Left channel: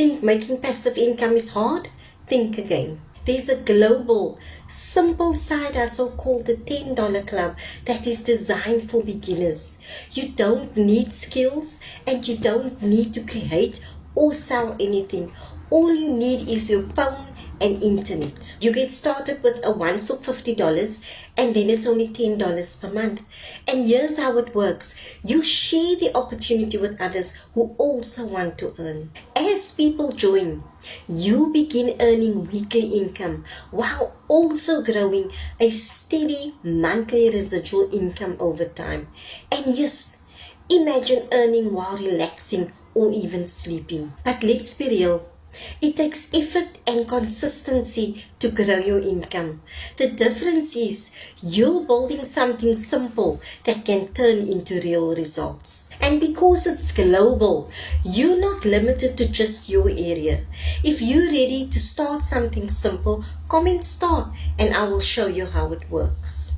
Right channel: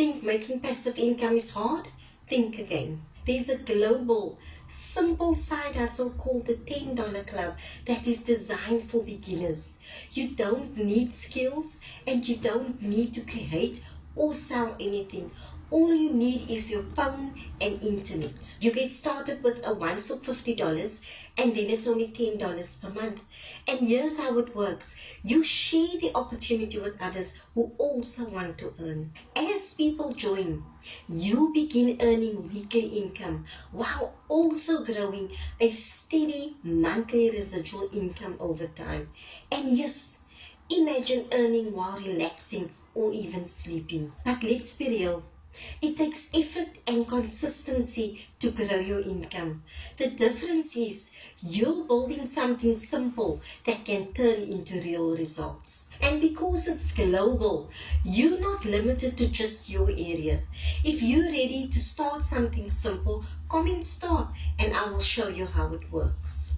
think making passive income is hard? Think again. There's a global, simple side hustle called the $10 Club that is designed for beginners. You don't need skills and you don't need to create or sell anything. All you need is your phone and internet. You get started with a once of $50 and then it's only $10 per month. And here's how it works. You share the opportunity with others who also want to earn. As people join, you begin earning weekly income while also growing a steady monthly residual income over time. And yes, imagine earning while relaxing or even sleeping. But let's be real. It takes effort and consistency to grow your income. The difference is you're building something simple that can turn into real results. And because it's global, you're not limited to just your area. If you're ready to start something simple, comment start and I will show you how it works.